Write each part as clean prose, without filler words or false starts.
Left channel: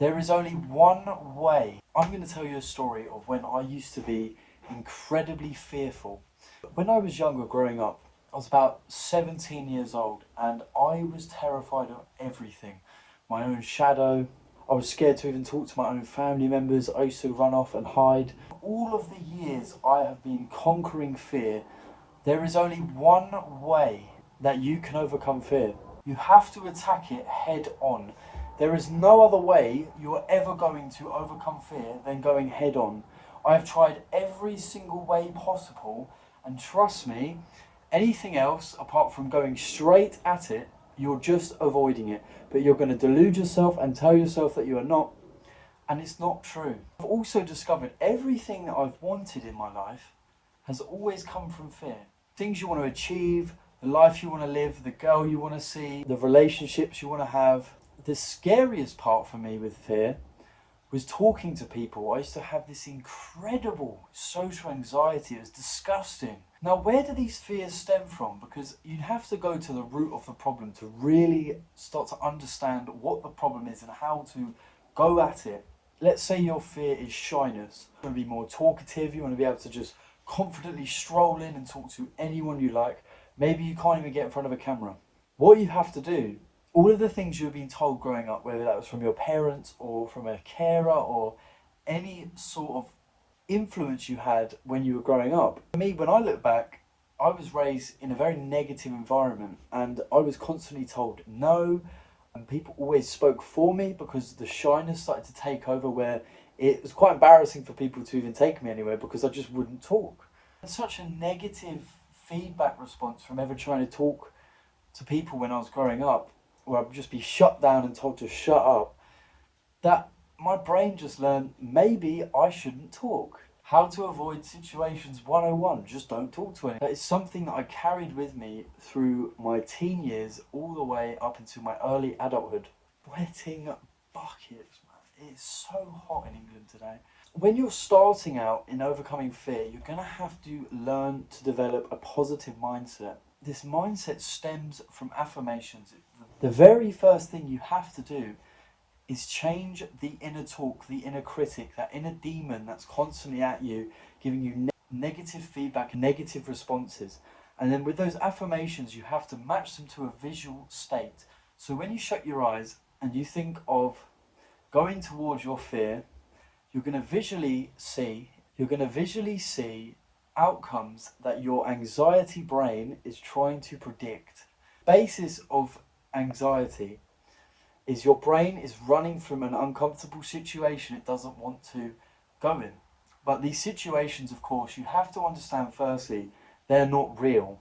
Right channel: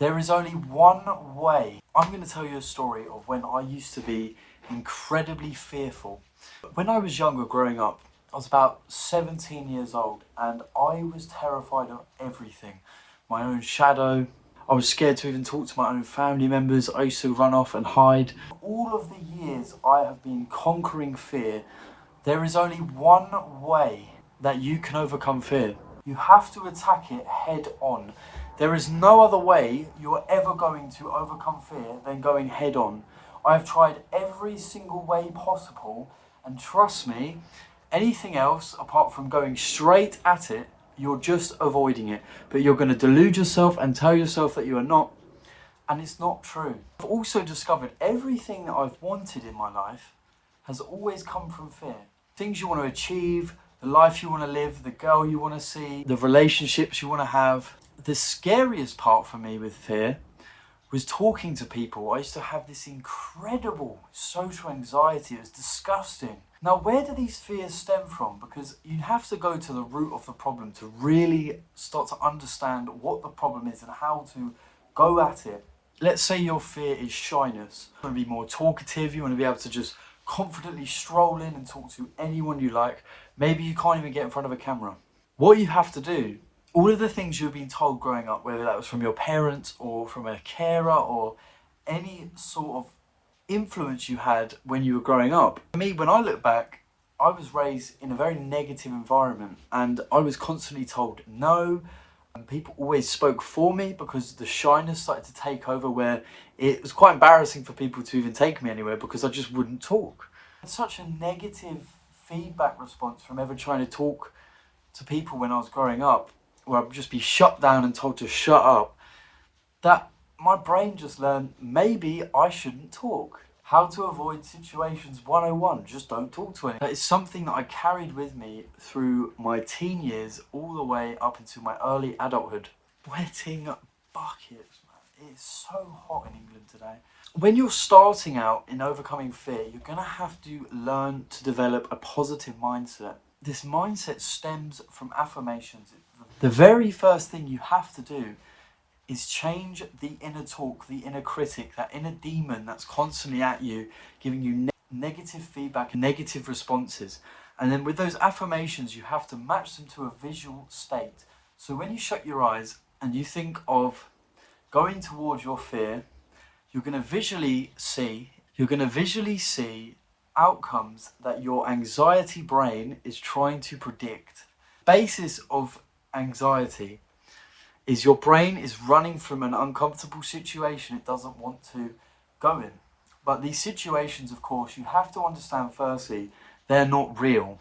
There is only one way. I'm going to tell you a story of when I used to be incredibly fearful. When I was younger growing up, I was about 17 years old and I was terrified of everything. My own shadow. I was scared to even talk to my own family members. I used to run off and hide. All of the years I have been conquering fear, there is only one way that you can overcome fear. You have to attack it head on. There is no other way you're ever going to overcome fear than going head on. I have tried every single way possible, and trust me, anything else apart from going straight at it, you're just avoiding it. But you're going to delude yourself and tell yourself that you are not, and it's not true. I've also discovered everything that I've wanted in my life has always come from fear. Things you want to achieve, the life you want to live, the girl you want to see, the relationships you want to have. The scariest part for me with fear was talking to people. I used to have this incredible social anxiety. It was disgusting. Now, where do these fears stem from? Because you have to go to the root of the problem to really start to understand what the problem is and how to go at it. Let's say your fear is shyness. You want to be more talkative. You want to be able to just confidently stroll in and talk to anyone you like. Maybe you can't even get in front of a camera. What you have to do, all of the things you've been told growing up, whether that was from your parents or from a carer or any sort of influence you had when you were growing up. For me, when I look back, I was raised in a very negative environment and I was constantly told no, and people always spoke for me because the shyness started to take over, where it was quite embarrassing for people to even take me anywhere because I just wouldn't talk. It's such a negative feedback response from ever trying to talk to people when I was growing up, where I'd just be shut down and told to shut up, that my brain just learned maybe I shouldn't talk. How to avoid situations 101, just don't talk to anyone. That is something that I carried with me through my teen years all the way up into my early adulthood. Sweating buckets, man. It is so hot in England today. When you're starting out in overcoming fear, you're going to have to learn to develop a positive mindset. This mindset stems from affirmations. The very first thing you have to do is change the inner talk, the inner critic, that inner demon that's constantly at you, giving you negative feedback and negative responses. And then with those affirmations, you have to match them to a visual state. So when you shut your eyes and you think of going towards your fear, you're going to visually see outcomes that your anxiety brain is trying to predict. Basis of anxiety is your brain is running from an uncomfortable situation it doesn't want to go in. But these situations, of course, you have to understand firstly, they're not real.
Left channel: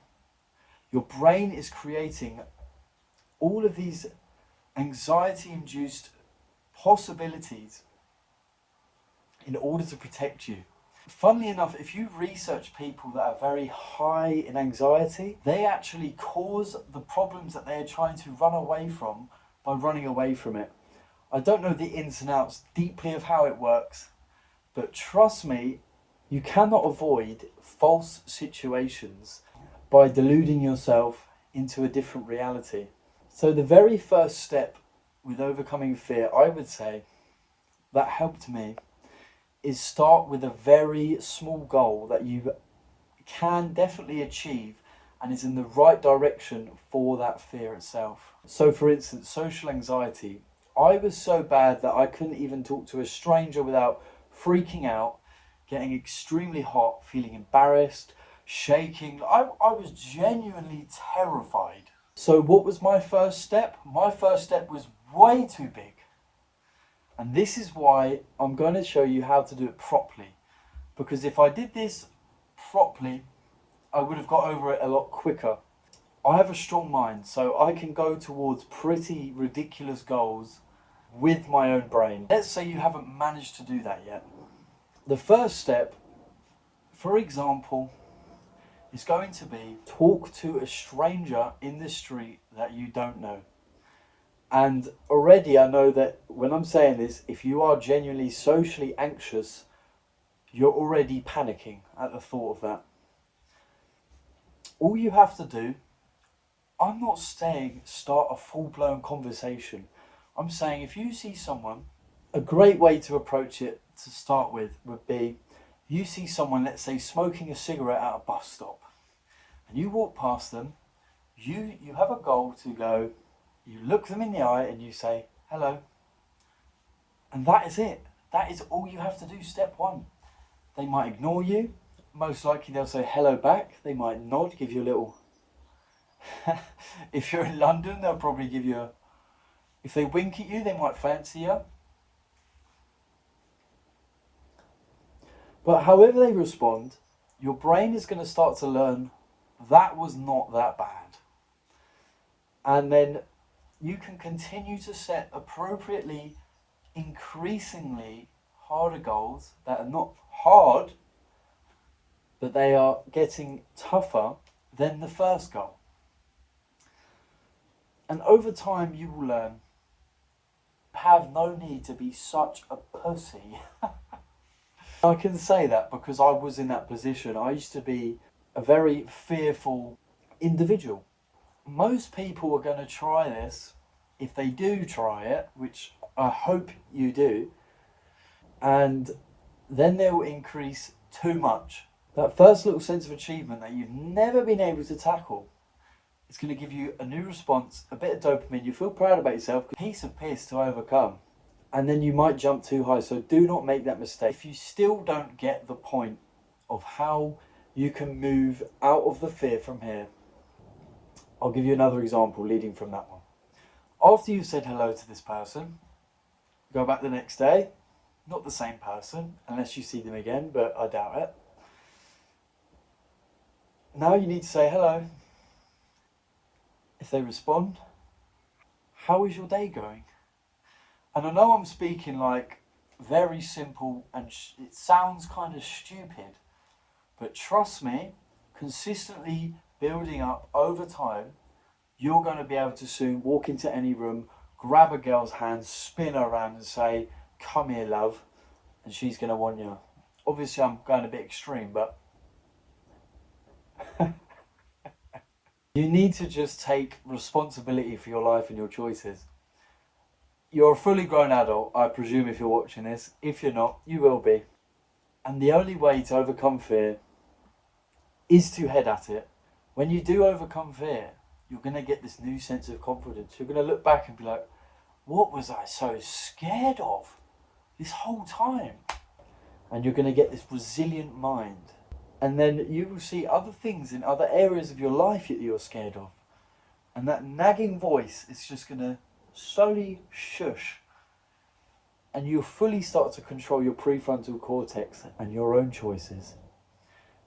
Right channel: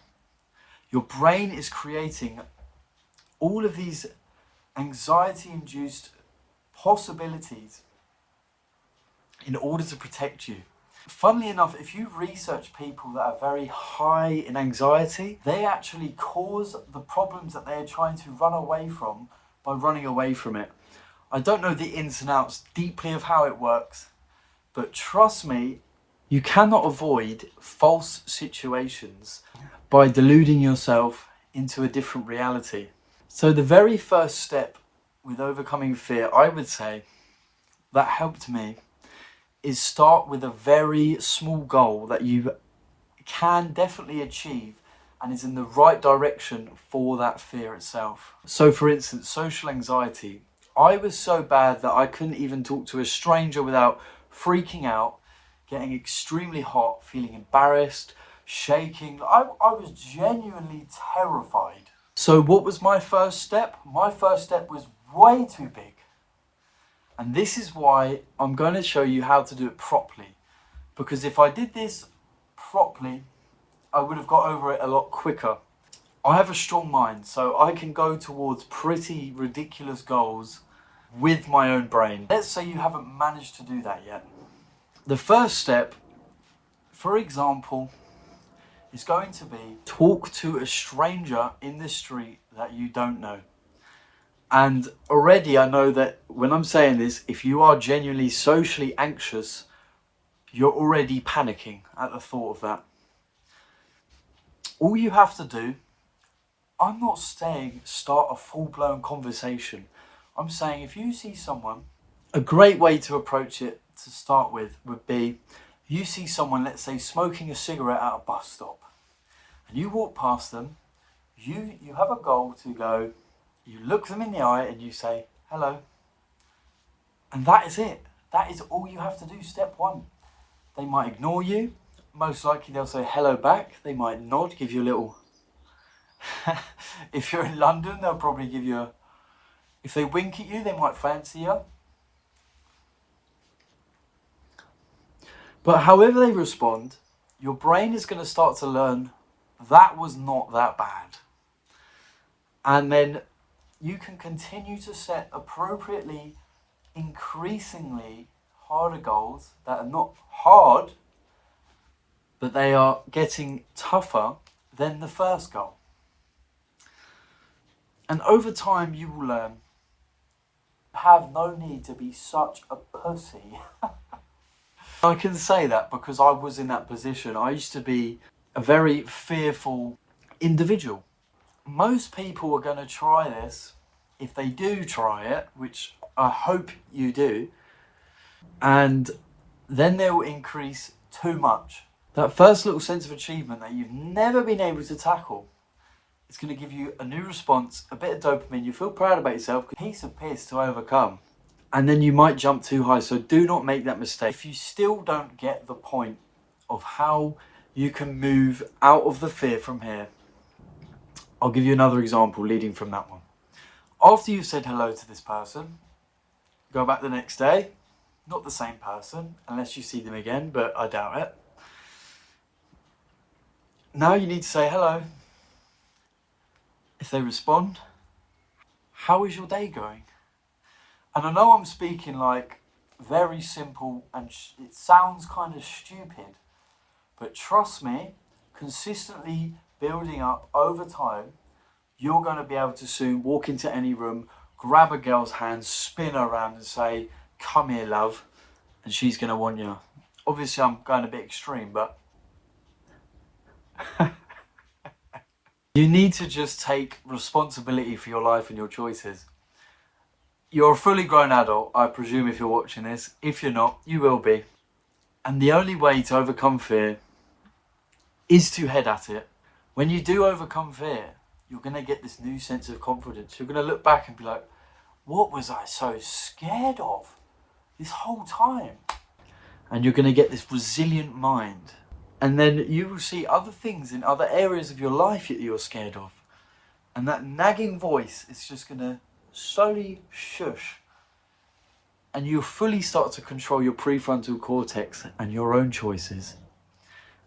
Your brain is creating all of these anxiety-induced possibilities in order to protect you. Funnily enough, if you research people that are very high in anxiety, they actually cause the problems that they're trying to run away from by running away from it. I don't know the ins and outs deeply of how it works, but trust me, you cannot avoid false situations by deluding yourself into a different reality. So the very first step with overcoming fear, I would say, that helped me is start with a very small goal that you can definitely achieve and is in the right direction for that fear itself. So for instance, social anxiety. I was so bad that I couldn't even talk to a stranger without freaking out, getting extremely hot, feeling embarrassed, shaking. I was genuinely terrified. So what was my first step? My first step was way too big. And this is why I'm going to show you how to do it properly. Because if I did this properly, I would have got over it a lot quicker. I have a strong mind, so I can go towards pretty ridiculous goals with my own brain. Let's say you haven't managed to do that yet. The first step, for example, is going to be talk to a stranger in the street that you don't know. And already I know that when I'm saying this, if you are genuinely socially anxious, you're already panicking at the thought of that. All you have to do, I'm not saying start a full-blown conversation. I'm saying if you see someone A great way to approach it to start with would be you see someone, let's say, smoking a cigarette at a bus stop, and you walk past them, you have a goal to go, you look them in the eye and you say, hello. And that is it. That is all you have to do, step one. They might ignore you. Most likely they'll say hello back. They might nod, give you a little... If you're in London, they'll probably give you a... If they wink at you, they might fancy you. But however they respond, your brain is going to start to learn that was not that bad. And then you can continue to set appropriately, increasingly harder goals that are not hard, but they are getting tougher than the first goal. And over time, you will learn, have no need to be such a pussy. I can say that because I was in that position. I used to be a very fearful individual. Most people are going to try this. If they do try it, which I hope you do, and then they will increase too much. That first little sense of achievement that you've never been able to tackle, it's going to give you a new response, a bit of dopamine. You feel proud about yourself, a piece of piss to overcome. And then you might jump too high. So do not make that mistake. If you still don't get the point of how you can move out of the fear from here, I'll give you another example leading from that one. After you've said hello to this person, go back the next day. Not the same person, unless you see them again, but I doubt it. Now you need to say hello. If they respond, how is your day going? And I know I'm speaking like very simple and it sounds kind of stupid, but trust me, consistently building up over time, you're going to be able to soon walk into any room, grab a girl's hand, spin her around and say, come here, love, and she's going to want you. Obviously, I'm going a bit extreme, but you need to just take responsibility for your life and your choices. You're a fully grown adult, I presume, if you're watching this. If you're not, you will be. And the only way to overcome fear is to head at it. When you do overcome fear, you're going to get this new sense of confidence. You're going to look back and be like, what was I so scared of this whole time? And you're going to get this resilient mind. And then you will see other things in other areas of your life that you're scared of. And that nagging voice is just going to slowly shush. And you'll fully start to control your prefrontal cortex and your own choices.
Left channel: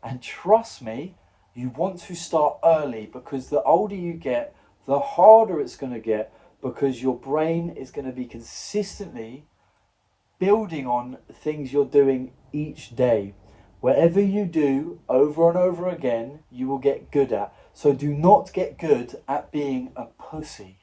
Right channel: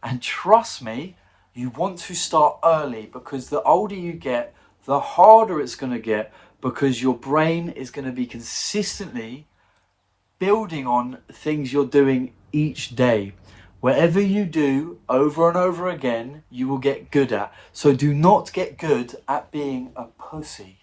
And trust me, you want to start early, because the older you get, the harder it's going to get, because your brain is going to be consistently building on things you're doing each day. Whatever you do over and over again, you will get good at. So do not get good at being a pussy.